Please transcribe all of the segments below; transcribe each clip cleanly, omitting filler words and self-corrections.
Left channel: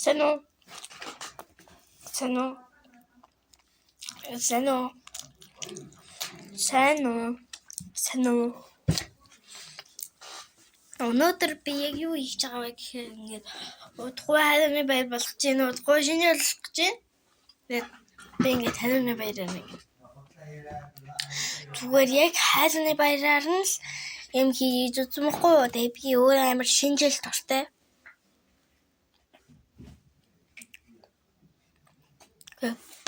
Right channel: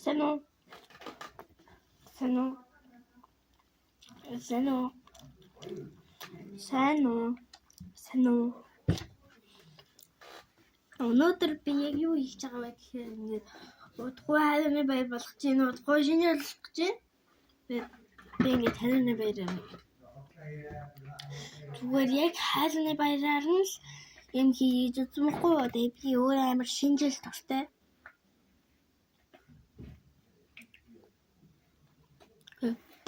Sano. Өнөөдөр би яг юу хийж байгаа вэ гэхээр ингээд удахгүй хайрны баяр болгож гин удахгүй шинэ болгож гин. Тэгээд би ингээд хайрны баяраар нэг. Зүгээр яг хайрны баяраар нь л юм хийж үзмэхгүй юу. Тэгээд би өөрөө амар шинжил дуртай.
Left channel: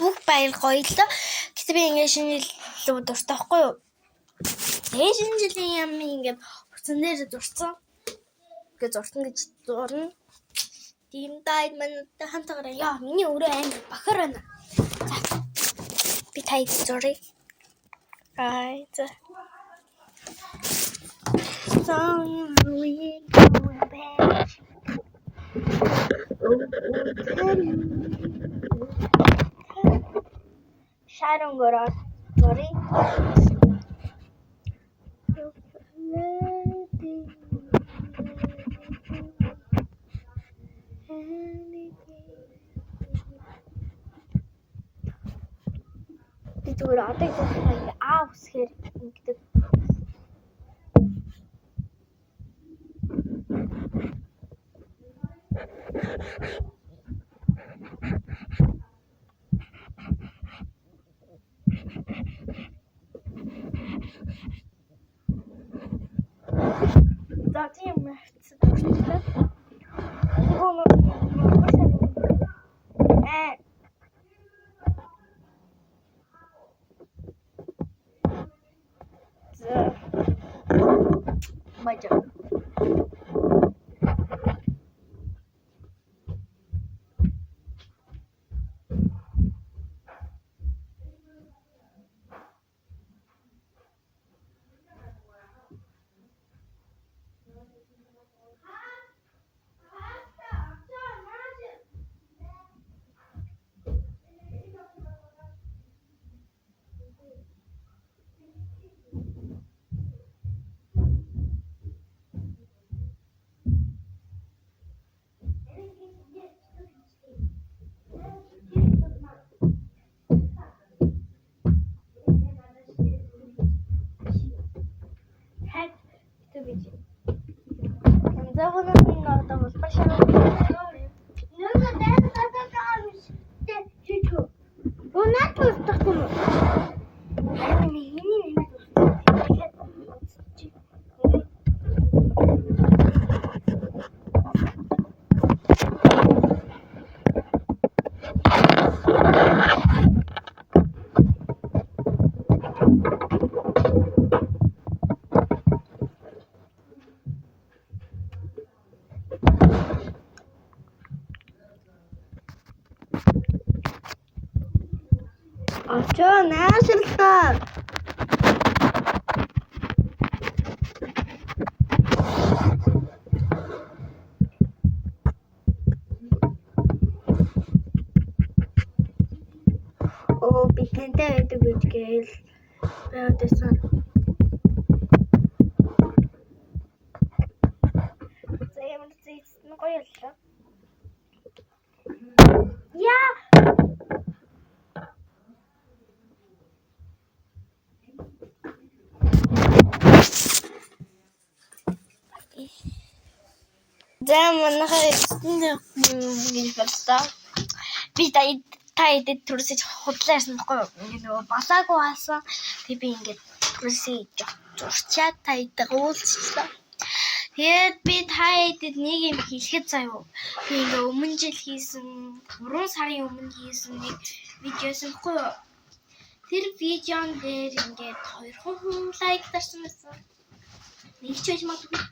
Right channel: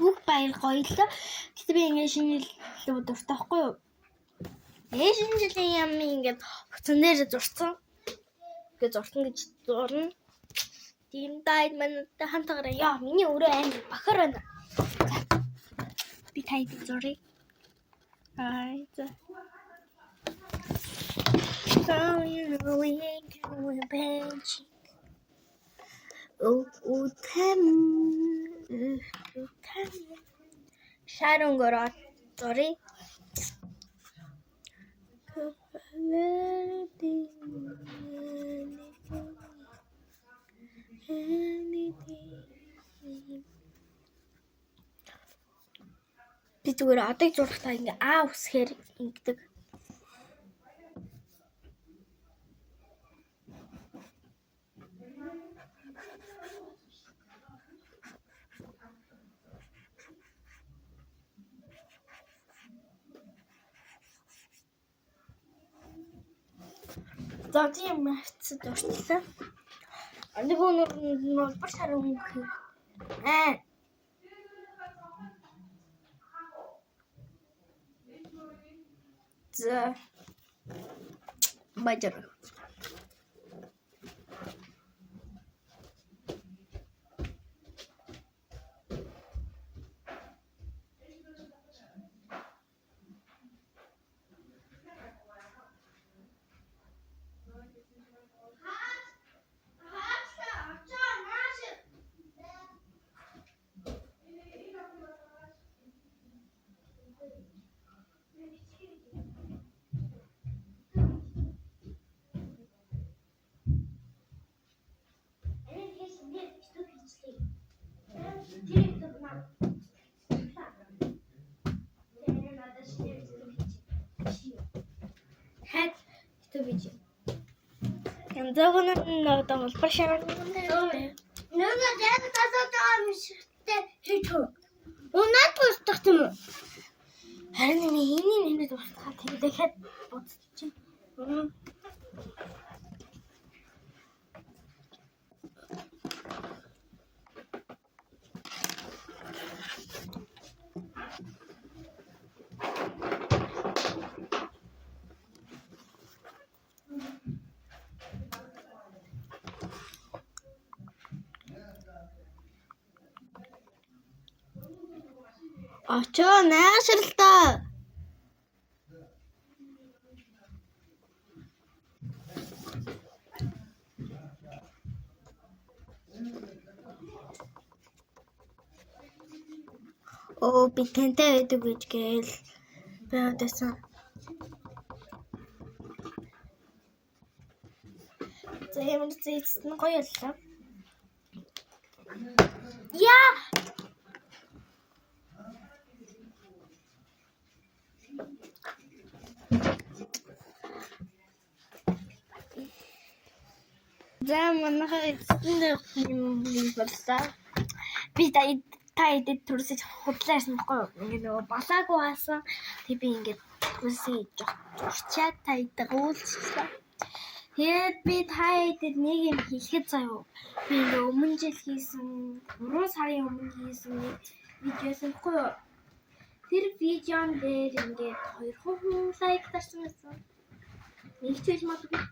Бүх баяр гоё л. Гэтэ би ингээд шинжил дуртай байхгүй юу. Тэгээд шинжилийн юм ингээд уцан дээр зурцсан. Ингээд зурсан гэж зурна. Тийм дайд манайтай хамтаараа яа миний өөрөө амар бохор байна. За. Би тайд зуръя. За. So you really going back. Sharon гороод зуръя. Би зүгээр одоо зурхтаа ингээ усхээр ингэдэг. За тийм хэвчээ дурчлаа. Нэг өнөр башаар өмнөх. За. Бажар. Янзагнаа надад башаар. Нөөдөө тасаатаа хийчихв. Унаад тусдах юм уу? Харин миний нэмээд байна. Тэгэхээр утчих. Очоо наашралтаа. Би тэнтэй байдаг гэж гээл байгаадсан. За ямар зэцэн гоё яллаа. Яа. За манайхаа эцэнд боллоо. Би тайд төрөсөж худлаасан баггүй юу? Ингээ нөгөө балаагүй хаасан. Тэг би ингээд төрөсөж зурчаад тайдаа уулзчихлаа. Тэгээд би тайдад нэг юм хэлэхэд заяа. Би ингээ өмнө жил хийсэн 3 сарын өмнө хийсэн нэг видеос баггүй юу? Тэр видеон дээр ингээд 200 лайк дарсан байсан. Нэг ч байж магадгүй.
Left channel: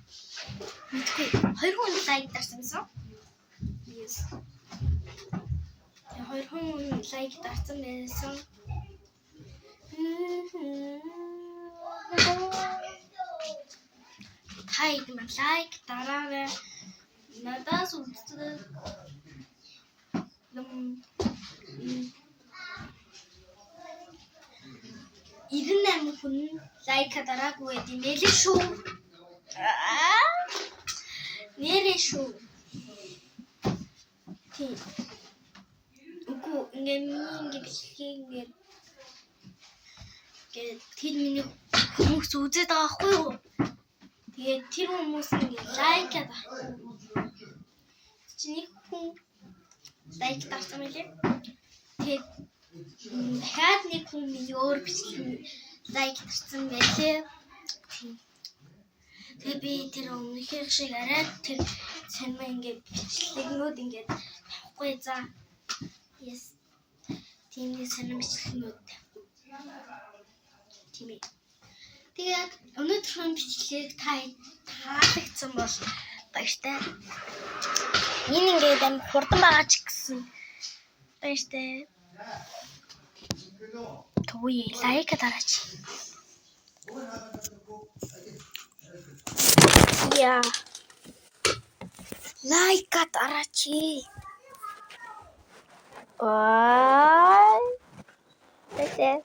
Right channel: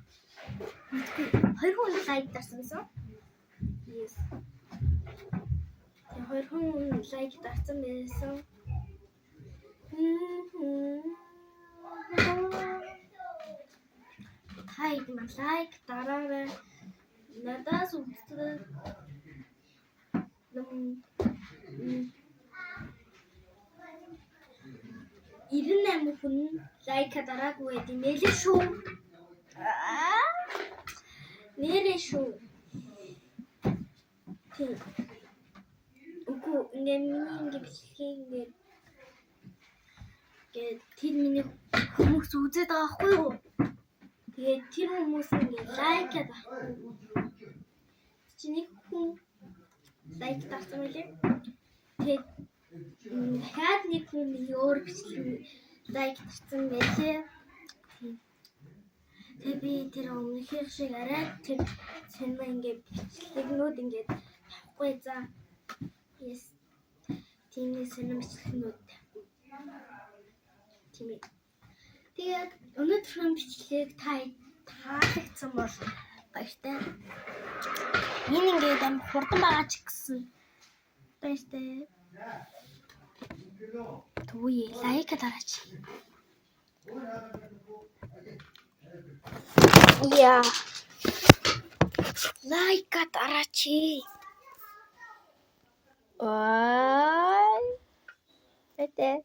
200 лайк дарсан байсан. Yes. 200 лайк дарсан байсан. Тайд ман лайк дараарай. Надаас үздэг. 98 хүн лайк дараагүй гэдэг нэлээ шүү. Нэрээ шүү. Тийм. Үгүй ингээд миний ингээд бичлэгийг ингээд тэр миний хүмүүс үзээд байгаа байхгүй юу? Тэгээд тэр хүмүүс ингээд лайкаад авах. Чиний хүн лайк тавьсан мөлий. Тэгээд дахиад нэг хүн миний өөр бичлэг лайк тавьсан байлээ. Тэгээ би тэр өмнөх шиг арай тэр санаа ингээд бичлэгнүүд ингээд тавихгүй заа. Yes. Тийм нэг санаа бичлэгнүүд тавихгүй. Тийм ээ. Тэгээд өнөөдрийн бичлэгийг таалагдсан бол баяртай. Энэ ингээд амар хурдан байгаа ч гэсэн баяртай. Төвөө лайк дараач. Я. Лайк дараач. Ой. Тэсэ.